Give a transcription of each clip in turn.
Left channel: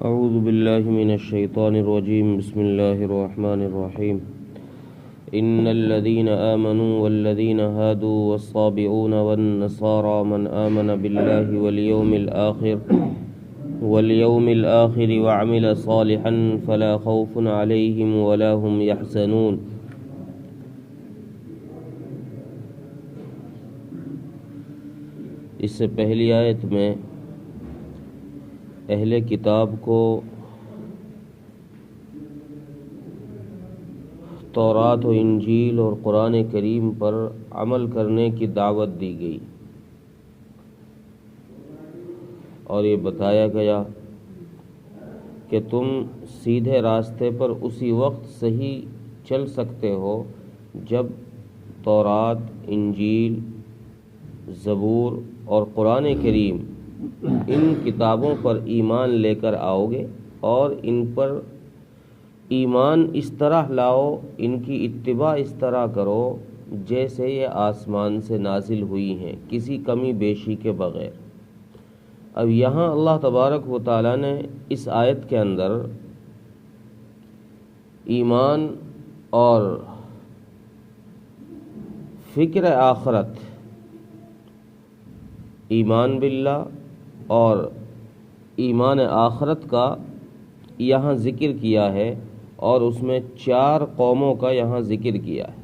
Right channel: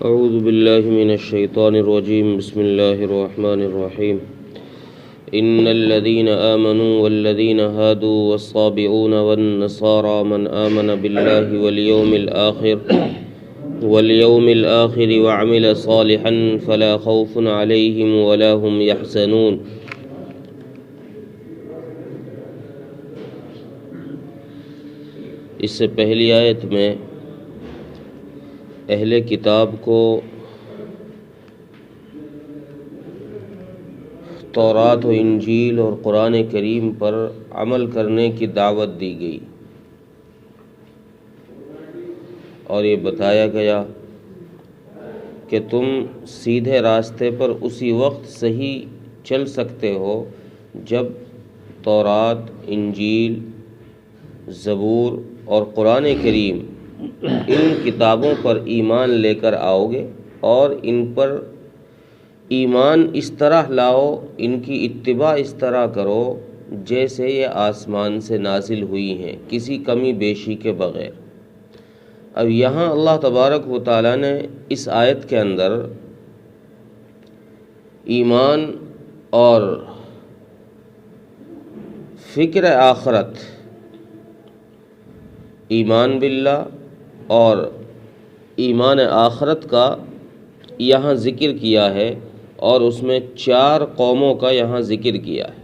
اعوذ باللہ من الشیطان الرجیم بسم اللہ الرحمن الرحیم ان الذين آمنوا والذين هادوا والصابئون والنصارى من آمن بالله واليوم الآخر وعمل صالحا فلا خوف عليهم ولا هم يحزنون۔ اس سے پہلی آیت میں اہل کتاب کو تورات و انجیل اور قرآن کریم پر عمل کرنے کی دعوت دی گئی اور یہ بتایا گیا کہ تم سیدھے راستے پر اسی وقت صحیح چل سکتے ہو جب تورات، انجیل، زبور اور قرآن کریم ان کتابوں پر ایمان لے کر آؤ گے اور ان پر ایمان اس طرح لاؤ، ان کی اتباع اس طرح کرو جیسے یہ آسمان سے نازل ہوئی ہیں، کسی کمی بیشی کے بغیر۔ اب یہاں اللہ تبارک و تعالیٰ نے اس آیت کے اندر ایمان اور فکر آخرت، ایمان باللہ اور ایمان آخرت کا یہاں ذکر کیا ہے اور اس میں 4 قوموں کا یہاں ذکر کیا ہے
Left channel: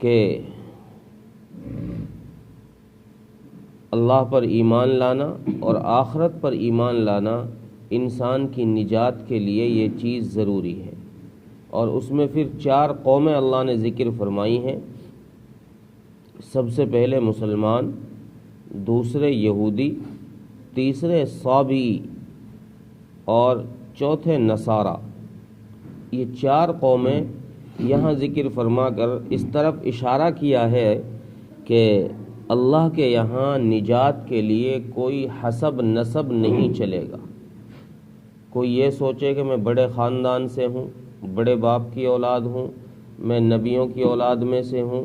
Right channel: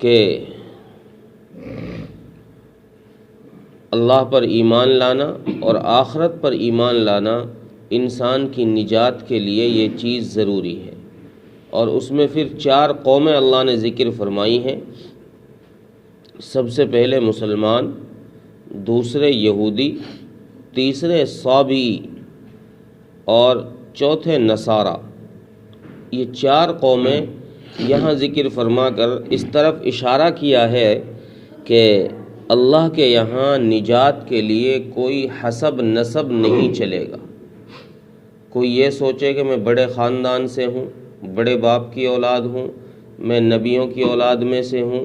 کہ اللہ پر ایمان لانا اور آخرت پر ایمان لانا انسان کی نجات کے لیے یہ چیز ضروری ہے، اور اس میں پھر 4 قومیں اللہ نے ذکر فرمائی ہیں۔ سب سے پہلے مسلمان، دوسرے یہودی، تیسرے صابئی اور چوتھے نصارہ۔ یہ 4 قومیں یہاں ذکر فرما کر اس طرف اشارہ کیا ہے کہ اللہ کے یہاں نجات کے لیے کوئی حسب نسب نہیں چلے گا۔ کوئی یہ سوچے کہ میں بڑے خاندان سے ہوں، بڑے باپ کی اولاد ہوں، میں نبیوں کی اولاد میں سے ہوں،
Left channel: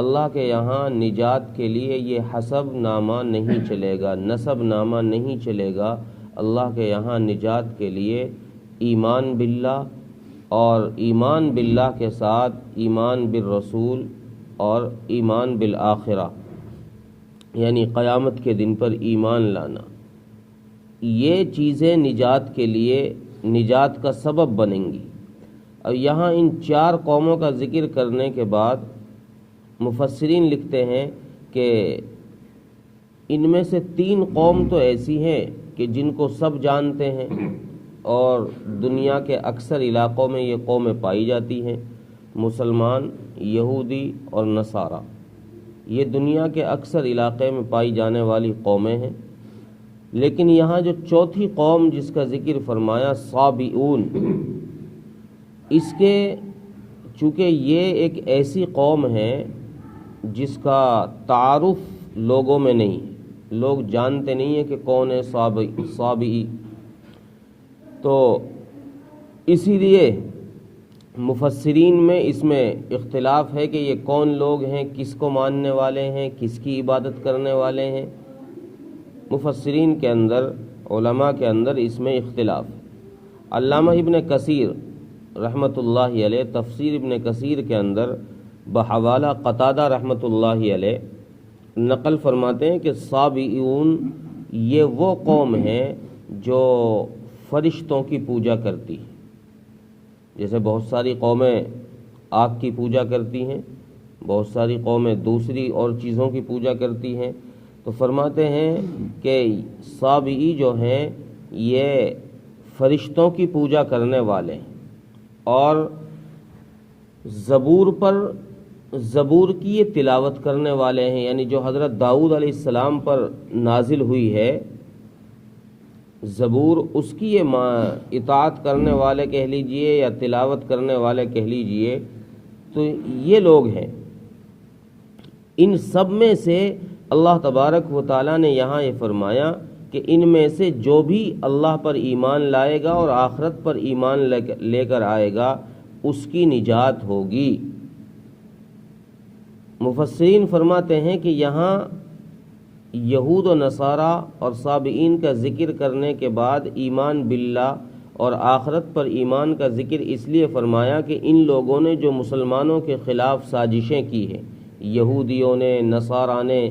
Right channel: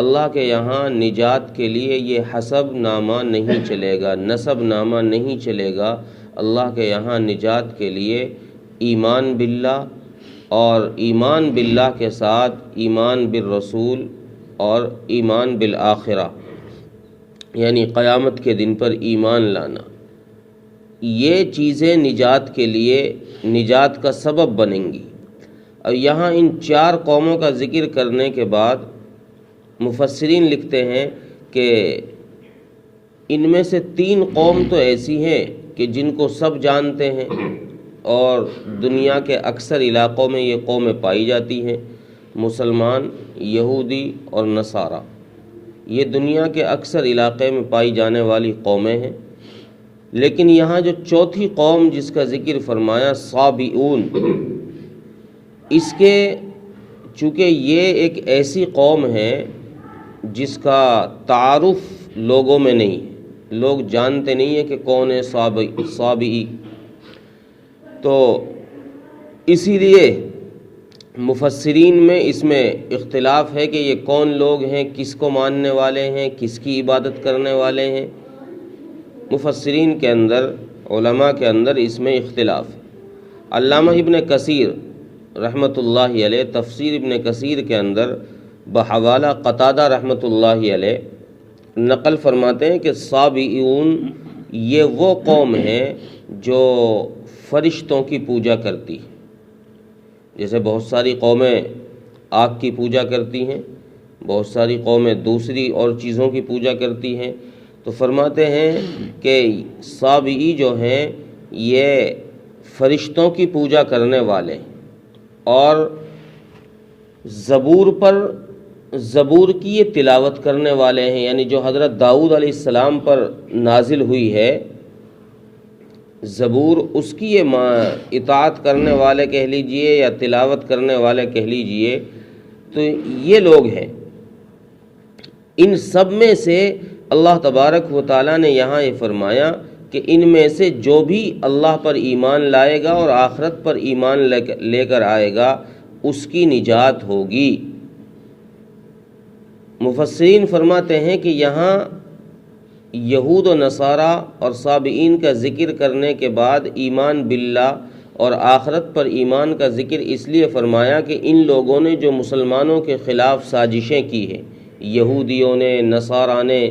اللہ کے یہاں نجات کے لیے یہ حسب نامہ نہیں چلے گا، نسب نامہ نہیں چلے گا۔ اللہ کے یہاں نجات کے لیے ایمان باللہ اور ایمان باللہ کے ساتھ ایمان بالرسول اور ایمان بالآخرہ، یعنی قیامت کے دن پر ایمان لانا، یہ چیزیں نجات کے لیے نجات کا سبب بنیں گی۔ اور یہاں ان 4 قوموں کا ذکر کرنے کے بعد مفسرین لکھتے ہیں کہ ان میں سے 3 قوم تو ایسی ہیں کہ جن کو سب جانتے ہیں اور دنیا کے اکثر علاقوں میں یہ قومیں پائی جاتی ہیں، مسلمان، یہودی اور نصارہ۔ یہ دنیا کے اکثر علاقے میں پائی جانے والی قومیں ہیں، لیکن یہاں جو چوتھی قوم جس کا ذکر فرمایا، صابئون، اس کے چونکہ یہ ایک ایسی قوم ہے جس کا تعارف لوگوں میں نہیں ہے، لوگ جانتے نہیں ہیں کہ کون ہے صابئی، تو اسی لیے مفسرین میں اس میں اختلاف ہے کہ یہ کون لوگ ہیں، کس کو ماننے والے ہیں، کس کی عبادت کرنے والے ہیں۔ مفسرین کے اندر، علماء کے اندر اس میں اختلاف ہے۔ علامہ ابن کثیر رحمۃ اللہ علیہ تفسیر ابن کثیر کے اندر بحوالہ قتادہ رحمۃ اللہ علیہ نقل فرماتے ہیں کہ صابئون یہ وہ قوم ہے جو فرشتوں کی پوجا کرتی ہے۔ جیسے بہت ساری قومیں آگ کی پوجا کرتی ہیں، بہت ساری قومیں دوسری اور چیزوں کی پوجا کرتی ہیں، تو فرماتے ہیں کہ صابئی جو ہیں یہ فرشتوں کی پوجا کرنے والے ہیں، اور زبور کی یہ تلاوت کرنے والے ہیں، یعنی جو حضرت داؤد علیہ السلام پر نازل ہوئی ہے زبور، اس کی یہ اطاعت کرنے والے کہہ لیجئے یا تلاوت کرنے والے کہہ لیجئے، تو یہ لوگ ہیں۔ ان سب میں سے اللہ تبارک و تعالیٰ نے یہاں یہ فرمایا کہ ان میں سے جو بھی اللہ پر ایمان لائے گا اور آخرت پر ایمان لے کر آئے گا اس کی نجات ہوگی۔ مفسرین فرماتے ہیں کہ یہاں یہود و نصارہ اور سابئین کا ذکر کرنے کے بعد ایمان باللہ اور آخرت پر ایمان کا ذکر اس لیے فرمایا کہ ان لوگوں نے جو مسلمانوں کے خلاف سازشیں کی ہیں، یہودیوں نے، نصارہ نے،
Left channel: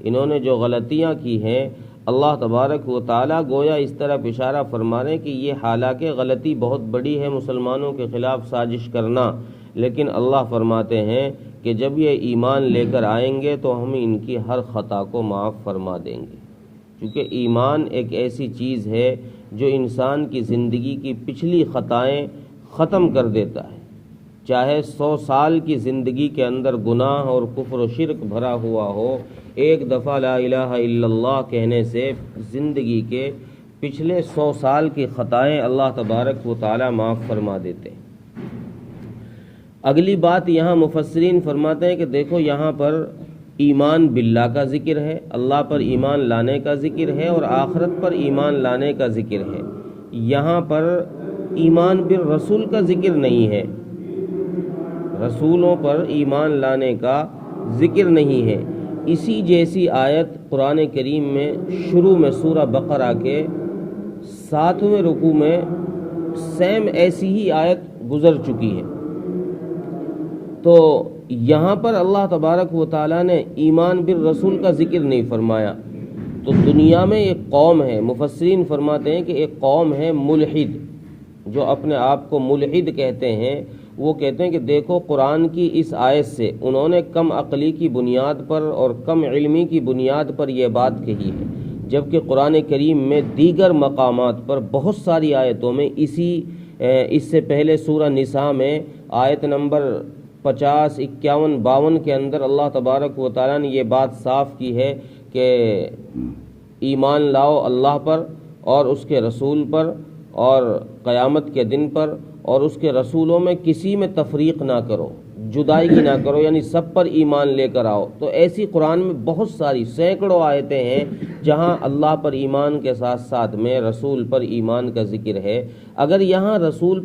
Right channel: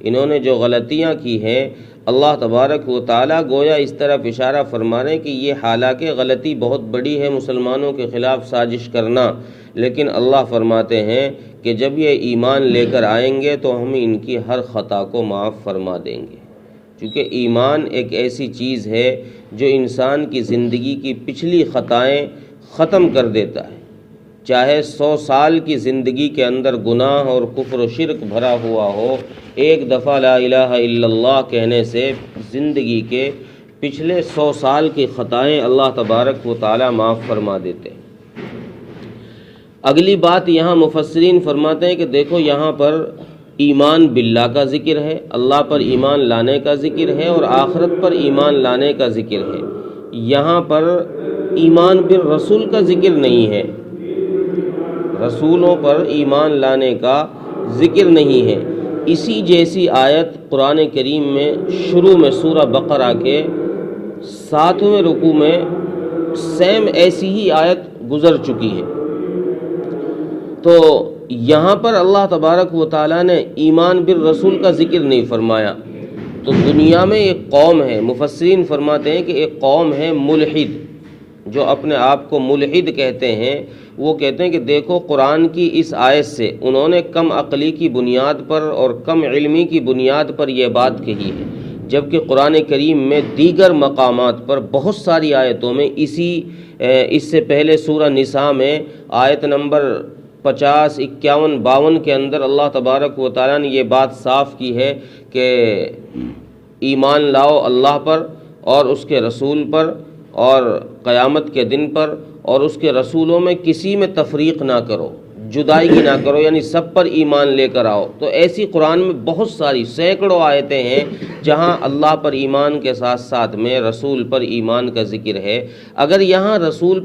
انہوں نے جو غلطیاں کی ہیں، اللہ تبارک و تعالیٰ گویا اس طرف اشارہ فرما رہے ہیں کہ یہ حالانکہ غلطی بہت بڑی ہے مسلمانوں کے خلاف سازش کرنا، لیکن اللہ فرماتے ہیں کہ جب یہ ایمان لے کر آئیں گے تو ہم ان کی ہر خطا کو معاف فرما دیں گے، کیونکہ ایمان ایک ایسی چیز ہے جو انسان کی زندگی کی پچھلی خطائیں ختم کر دیتا ہے۔ چاہے 100 سال کی زندگی کے اندر گناہ اور کفر و شرک بھرا ہوا ہو، ایک دفعہ لا الہ الا اللہ کہنے سے زندگی کے پچھلے 100 سال کی خطائیں اللہ تبارک و تعالی معاف فرما دیتے ہیں۔ اگلی بات یہاں مفسرین فرماتے ہیں کہ دیکھو یہاں پر ایمان باللہ کا ذکر ہے، اللہ پر ایمان لانے کا ذکر ہے، اور آخرت پر ایمان لانے کا ذکر ہے۔ یہاں پر ایمان بالرسول کا ذکر نہیں ہے، رسولوں پر ایمان لانے کا ذکر نہیں ہے۔ اسی جیسی آیت قرآن کریم میں شروع میں سورہ بقرہ کے 7ویں رکوع میں سیم ایسی ہی آیت گزر چکی ہے۔ تو یہاں پر اللہ تبارک و تعالیٰ نے ایمان بالرسول کا ذکر نہیں فرمایا۔ تو دنیا میں ایک قوم ہے، مفسرین فرماتے ہیں کہ ایک قوم ہے ملحد، جو اپنے آپ کو ملحد کہتے ہیں۔ وہ کہتے ہیں کہ دیکھو قرآن کی اس آیت سے انہوں نے کم عقلی کی بنیاد پر اور کم علمی کی بنیاد پر یہ بات کہی ہے، جبکہ قرآن کریم میں دیگر مقامات پر بہت ساری آیتوں میں اس سے پہلے سورہ نساء میں آیت نمبر 50، 51، 52 کے اندر اللہ تبارک و تعالیٰ نے یہ بات صاف کی ہے کہ ایمان لاؤ اللہ پر اور اس کے رسول پر اور قیامت کے دن پر، اور اس کے رسولوں میں کسی میں تفریق نہ کرو، جدائیگی نہ کرو، یعنی سب پر ایمان لے کر آؤ۔ تو ایسی قرآن میں بہت ساری سینکڑوں آیتیں ہیں جہاں اللہ پر ایمان کے ساتھ ساتھ میں رسول پر ایمان کا ذکر ہے۔ اگر یہاں رسول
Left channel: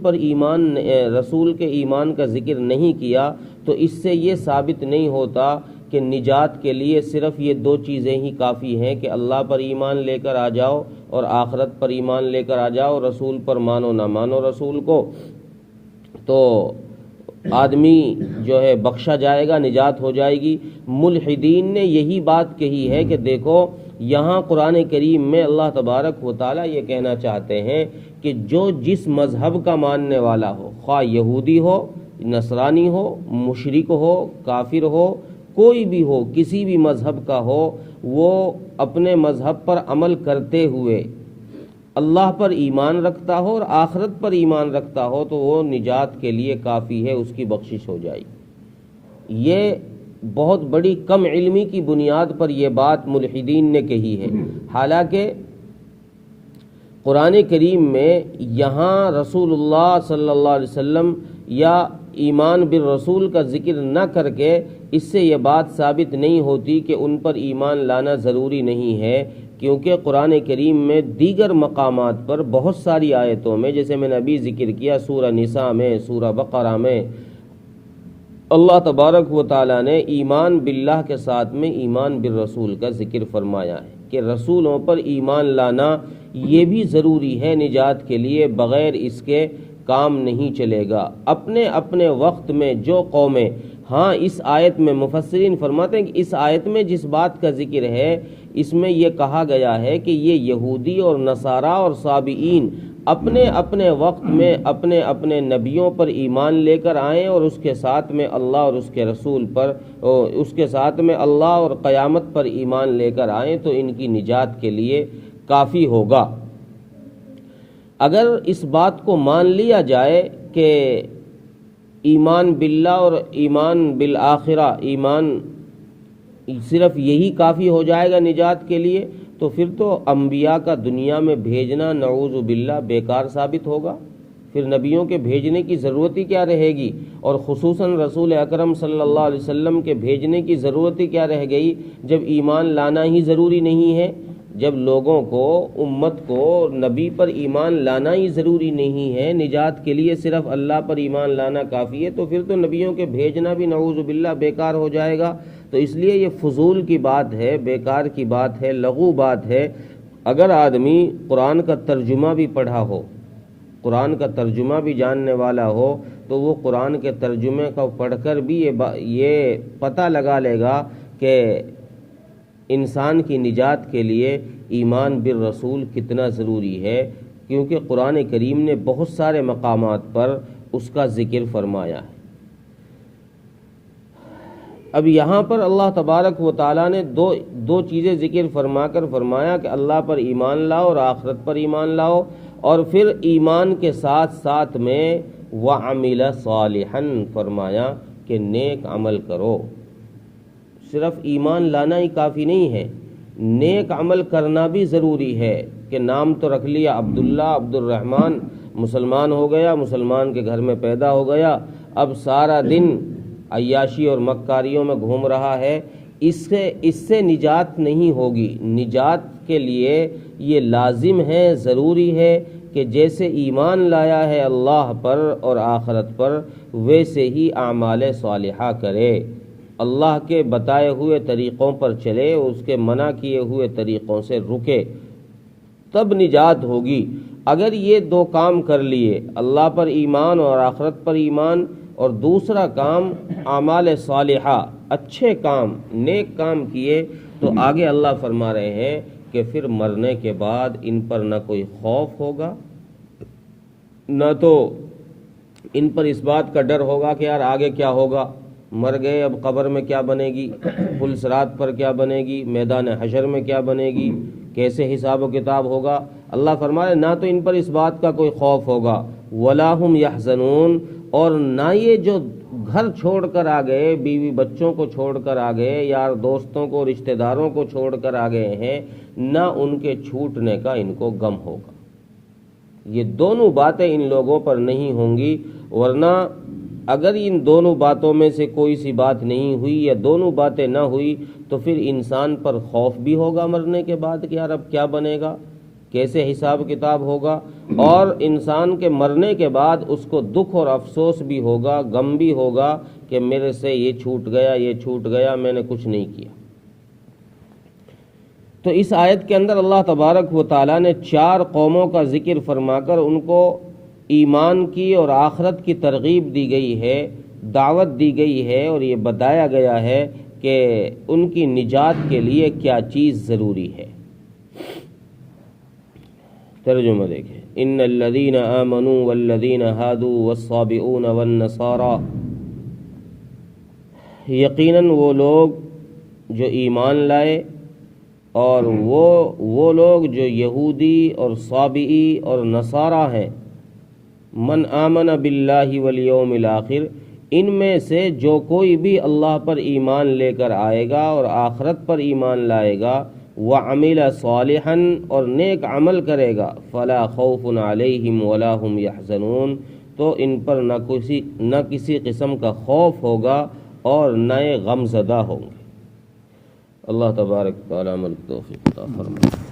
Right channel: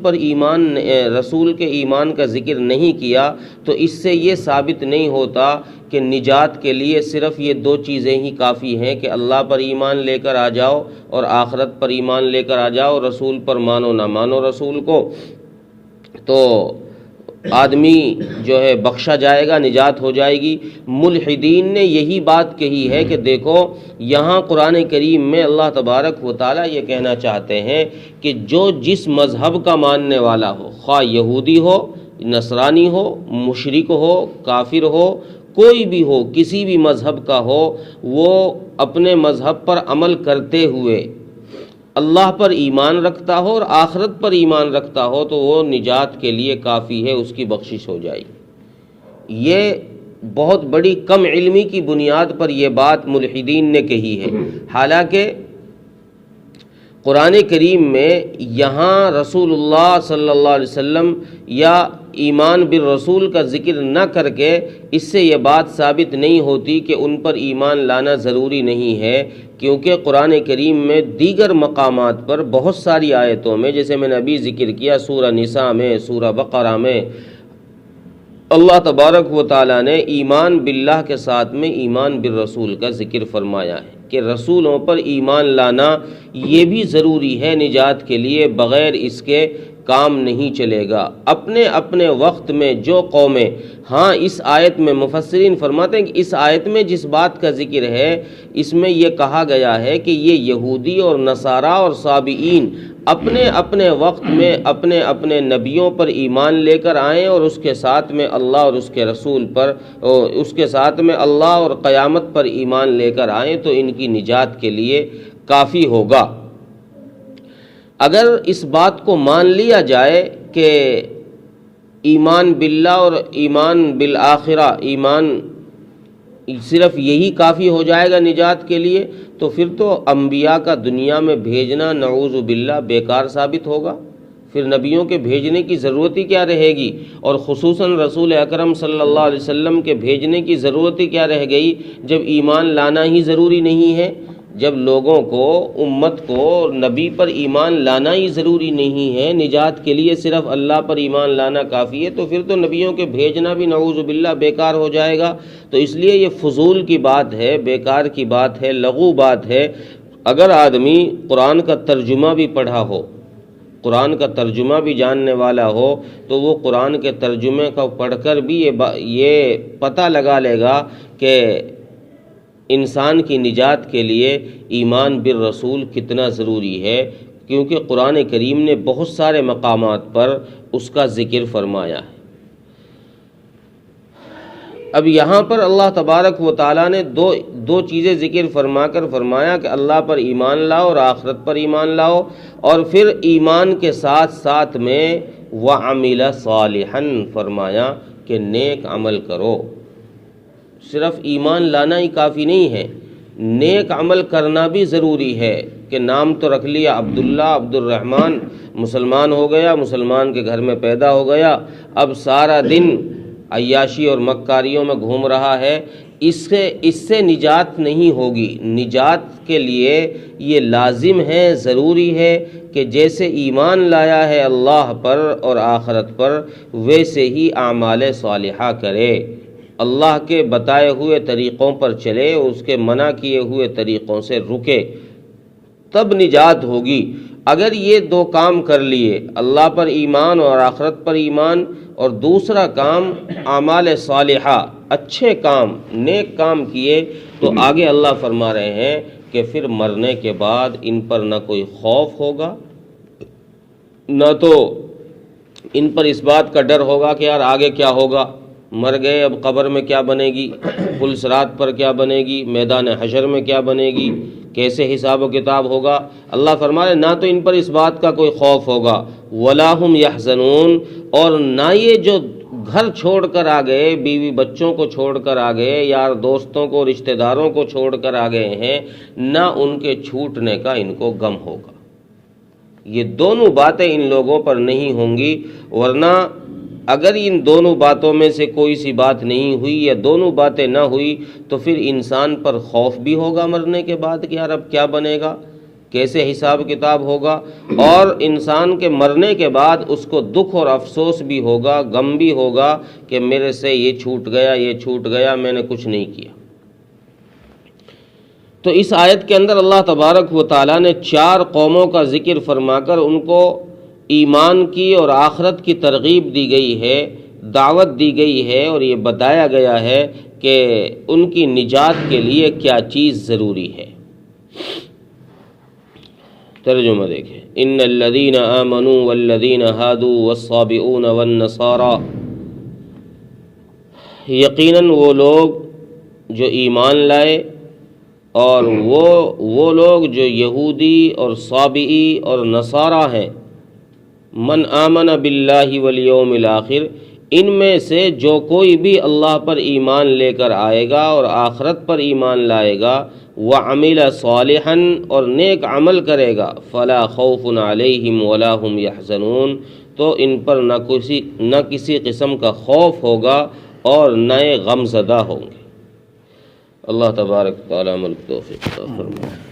کے ایمان کا ذکر نہیں کیا تو اس سے یہ ثابت نہیں ہوتا کہ نجات کے لیے صرف یہ 2 چیزیں ہی کافی ہیں کہ اللہ پر ایمان لے کر آ جاؤ اور آخرت پر ایمان لے کر آ جاؤ، رسول پر مانو نہ مانو رسول کو، تو آدمی جو ہے بخشا جائے گا، نجات ہو جائے گی۔ ملحدین نے یہی بات کہی ہے کہ دیکھو یہاں قرآن کریم میں اللہ تبارک و تعالیٰ یہ کہنا چاہتے ہیں کہ جو جس مذہب کا ماننے والا ہو، خواہ یہودی ہو، نصرانی ہو، مشرک ہو، کافر ہو، کوئی بھی ہو، کسی بھی مذہب کا ہو، وہ اپنے مذہب پر عمل کرتے ہوئے اللہ پر ایمان رکھتا ہو اور آخرت پر ایمان رکھتا ہو تو وہ نجات کے لیے کافی ہے، اس کی بخشش ہو جائے گی۔ یہ بہت بڑی کم علمی کی بنیاد پر یہ بات ملحدین نے کہی ہے، حالانکہ قرآن کریم میں یہاں رسول اللہ صلی اللہ علیہ وسلم یا ایمان بالرسول کا ذکر نہ کر کے اس سے یہ بات ثابت نہیں ہوتی کہ ان پر ایمان لانا ضروری نہیں ہے، کیونکہ قرآن کریم میں دیگر مقامات پر بہت ساری آیتوں میں، جیسے میں نے ابھی ذکر کیا سورہ نساء میں، سورہ بقرہ میں، اللہ تبارک و تعالیٰ نے ایمان باللہ کے ساتھ میں ایمان بالرسول کا ذکر فرمایا ہے کہ رسولوں پر ایمان لانا یہ بھی ضروری ہے نجات کے لیے، بغیر اس کے کام نہیں چلے گا۔ اپنے اپنے وقت میں جو قومیں، ہاں اس آیت میں مفسرین فرماتے ہیں کہ اس آیت میں جس بات کا ذکر ہے اس میں یہ کہا گیا ہے کہ یہ یہودی اور نصارہ اور سابئین اپنے اپنے وقت میں اپنے اپنے نبیوں پر ایمان لے کر آئیں اور اس کے ساتھ میں اللہ اور اس کے رسول پر، اس کے ساتھ میں اللہ اور قیامت پر ایمان لے کر آئیں تو ان کی نجات کے لیے کافی ہوگا۔ اگر اس بات کو مان لیا جائے کہ ایمان باللہ اور ایمان بالآخرہ، ایمان صرف یہی کافی ہو جائے گا نجات کے لیے، تو پھر تو انبیاء کا دنیا میں بھیجنا نعوذ باللہ بیکار ثابت ہوگا، پھر نبیوں کے بھیجنے کی ضرورت ہی کیا رہے گی، اور خصوصاً رسول اکرم صلی اللہ علیہ وسلم کے بھیجنے کی ضرورت ہی کیا رہ گئی جب ایمان لانا ہی ضروری نہیں ہے۔ جب لوگوں کو، امت کو نبی پر ایمان لانا ہی ضروری نہیں ہے، نجات کے لیے صرف اللہ پر ایمان لانا کافی ہے، تو پھر تو نبیوں کے بھیجنا بھی نعوذ باللہ بیکار ہو جائے گا۔ تو اس لیے یہ فضول کی بات ہے، بیکار کی بات ہے، لغو بات ہے۔ اگر آدمی قرآن کا ترجمہ بھی پڑھا ہو، قرآن کا ترجمہ بھی جاننے والا ہو، تو وہ قرآن کے ترجمے کو پڑھ کر بھی یہ پتہ لگا لے گا کہ انسان کی نجات کے لیے ایمان بالرسول کتنا ضروری ہے، کیونکہ قرآن کریم نے بہت سارے مقامات پر اس کا ذکر فرمایا ہے۔ اب یہاں پر اللہ تبارک و تعالیٰ نے دو چیزیں ذکر فرما کر فرمایا کہ اللہ پر ایمان لاؤ اور آخرت پر ایمان لاؤ، اور پھر ایمان کے ساتھ ساتھ میں وَعَمِلَ صَالِحًا فرمایا کہ نیک عمل کرو۔ صرف ایمان لانا ہی کافی نہیں ہے، نیک عمل کرنا بھی ضروری ہے کہ نام تو رکھ لیا عبداللہ، عبد الرحمن، مسلمان ہو گیا، مسلمان کے گھر میں پیدا ہو گیا، اب سارا دن عیاشی اور مکاریوں میں گھوم رہا ہے، اس سے نجات نہیں ہوگی۔ نجات کے لیے یہ لازم ہے، ضروری ہے کہ جیسے ایمان لایا ہے اللہ پر اور آخرت پر، ویسے ہی اعمال صالحہ کرے، اللہ کے بتائے ہوئے طریقوں پر چلے، اس کے منع کیے ہوئے طریقوں سے رکے، تب نجات ہوگی۔ اگر یہ دو کام کر لیے، اللہ پر ایمان اور آخرت پر ایمان، اور دوسرا کام اعمال صالحہ، اچھے کام، نیک کام کیے، تو آگے اللہ فرما رہے ہیں کہ پھر مرنے کے بعد ان پر نہ کوئی خوف ہوگا، نہ تو ان پر اس بات کا ڈر ہوگا کہ یار آگے کیا ہوگا، مر گئے اب قبر میں کیا بنے گی، پل صراط پر کیا بنے گی، میدان حشر میں کیا بنے گی، کیسے حساب و کتاب ہوگا۔ اللہ فرما رہے نہ تو ان پر اس بات کا کوئی خوف ہوگا، وَلَا هُمْ يَحْزَنُونَ، اور نہ یہ جو گھر چھوڑ کر آ گئے، بیوی بچوں کو چھوڑ کر آ گئے، یار دوستوں کو، رشتہ داروں کو چھوڑ کر آ گئے ہیں، نہ ان کے چھوٹنے کا ان کو غم ہوگا۔ یہ دونوں باتیں ان لوگوں پر نہیں ہوں گی، ورنہ اگر ان دونوں باتوں میں سے کوئی سی بات نہیں ہوئی یا دونوں باتیں نہ ہوئی، تو پھر انسان پر خوف بھی ہوگا مرنے کے بعد کہ یار اب کیا بنے گا، کیسے حساب کتاب ہوگا، اور انسان کے مرنے کے بعد اس کو دکھ اور افسوس بھی ہوگا، غم بھی ہوگا کہ میرے سے یہ چھوٹ گیا، یہ چھوٹ گیا، میں نے کچھ نہیں کیا۔ تو اس آیت کے اندر اللہ تبارک و تعالیٰ نے 4 قوموں کا ذکر فرما کر ان کو ایمان کی اور آخرت کی ترغیب دی گئی ہے، دعوت دی گئی ہے، اور یہ بتایا گیا ہے کہ ان کی نجات کے لیے کیا چیز ضروری ہے۔ ترجمہ دیکھیں، ان الذین آمنوا والذین ہادوا والصابئون والنصارى، یقیناً وہ لوگ جو ایمان لائے اور وہ لوگ جو یہودی اور صابئی اور نصارہ ہیں، من آمن باللہ والیوم الآخر، ان میں سے جو کوئی بھی اللہ پر ایمان لے کر آئے گا اور آخرت پر ایمان لائے گا، وعمل صالحا، اور نیک عمل کرے گا، فلا خوف علیہم ولا هم یحزنون، تو ان پر نہ کسی قسم کا خوف ہوگا اور نہ غم زدہ ہوں گے۔ اللہ تبارک تعالیٰ ملک توفیق عطا فرمائے۔